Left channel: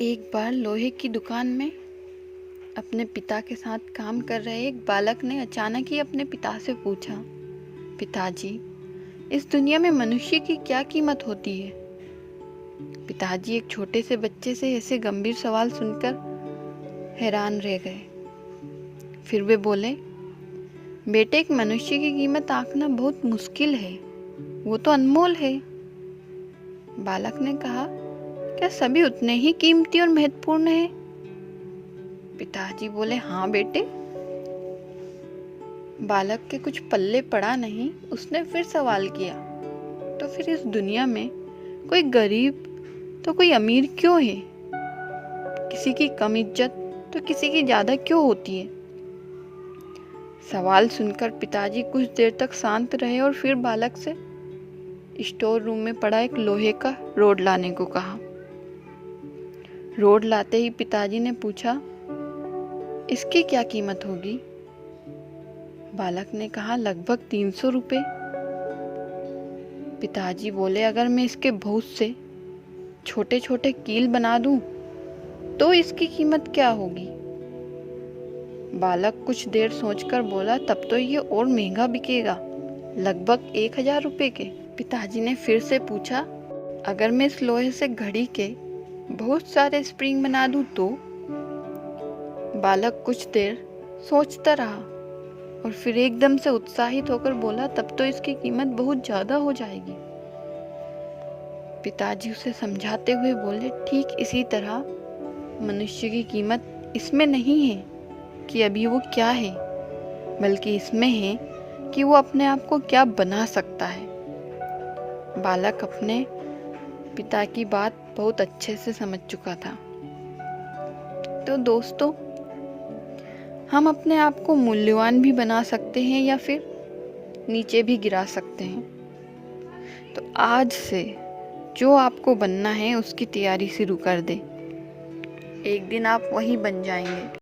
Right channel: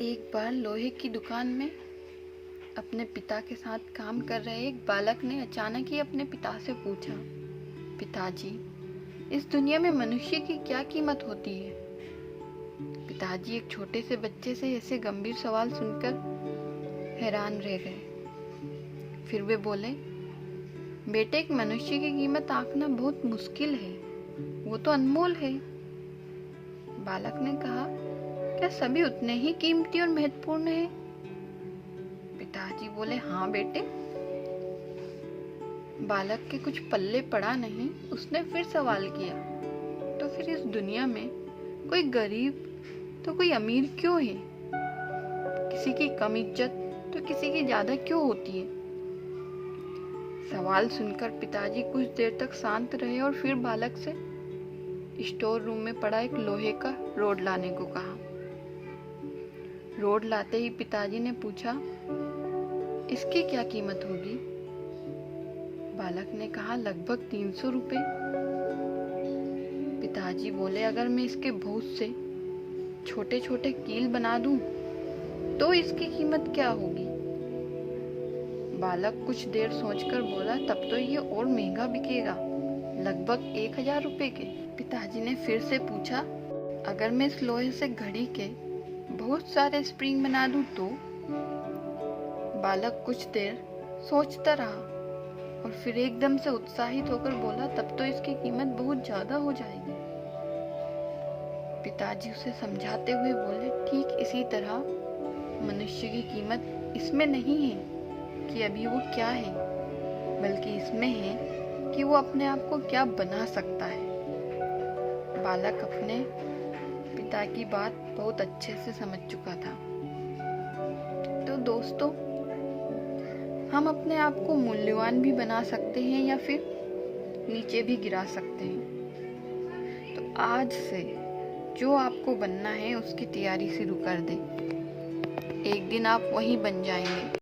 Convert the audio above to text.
एक बार लोहे की दुकान में अपने पिता के साथ काम कर रहे एक बालक ने अचानक ही अपने पिता से पूछा, पिताजी, इस दुनिया में मनुष्य की क्या कीमत होती है? पिताजी एक छोटे से बच्चे से ऐसे गंभीर सवाल सुनकर हैरान रह गए। फिर वे बोले, बेटे, एक मनुष्य की कीमत आंकना बहुत मुश्किल है, वो तो अनमोल है। बालक ने कहा, क्या सभी उतने ही कीमती और महत्वपूर्ण हैं? पिताजी बोले, हाँ बेटे। बालक के कुछ पल्ले पड़ा नहीं। उसने फिर सवाल किया, तो फिर इस दुनिया में कोई गरीब तो कोई अमीर क्यों है? किसी की कम इज्जत तो किसी की ज्यादा क्यों होती है? सवाल सुनकर पिताजी कुछ देर तक शांत रहे और फिर बालक से स्टोर रूम में पड़ा एक लोहे का रोड लाने को कहा। रोड लाते ही पिताजी ने पूछा, इसकी क्या कीमत होगी? बालक ने कहा, लगभग 300 रुपए। पिताजी बोले, अगर मैं इसके बहुत से छोटे छोटे कील बना दूं तो इसकी कीमत क्या होगी? बालक कुछ देर सोचकर बोला, तब तो ये और महंगा बिकेगा, लगभग 1000 रुपए के। पिताजी ने फिर से पूछा, अगर मैं इस लोहे से घड़ी के बहुत सारे स्प्रिंग बना दूं तो? बालक कुछ देर सोचता रहा और फिर एकदम से उत्साहित होकर बोला, तब तो इसकी कीमत बहुत ज्यादा हो जाएगी। पिताजी उसे समझाते हुए बोले, ठीक इसी तरह मनुष्य की कीमत इसमें नहीं है कि अभी वो क्या है, बल्कि इसमें है कि वो अपने आप को क्या बना सकता है। बालक अपने पिता की बात बहुत अच्छे से समझ चुका था। तो दोस्तों, हम अपने आप को मूल्यवान भी बना सकते हैं या फिर नीचे भी गिरा सकते हैं। तो आज से जो आपको बनना है उसकी तैयारी शुरू कर दें। एक दिन आप वही बन जाएंगे।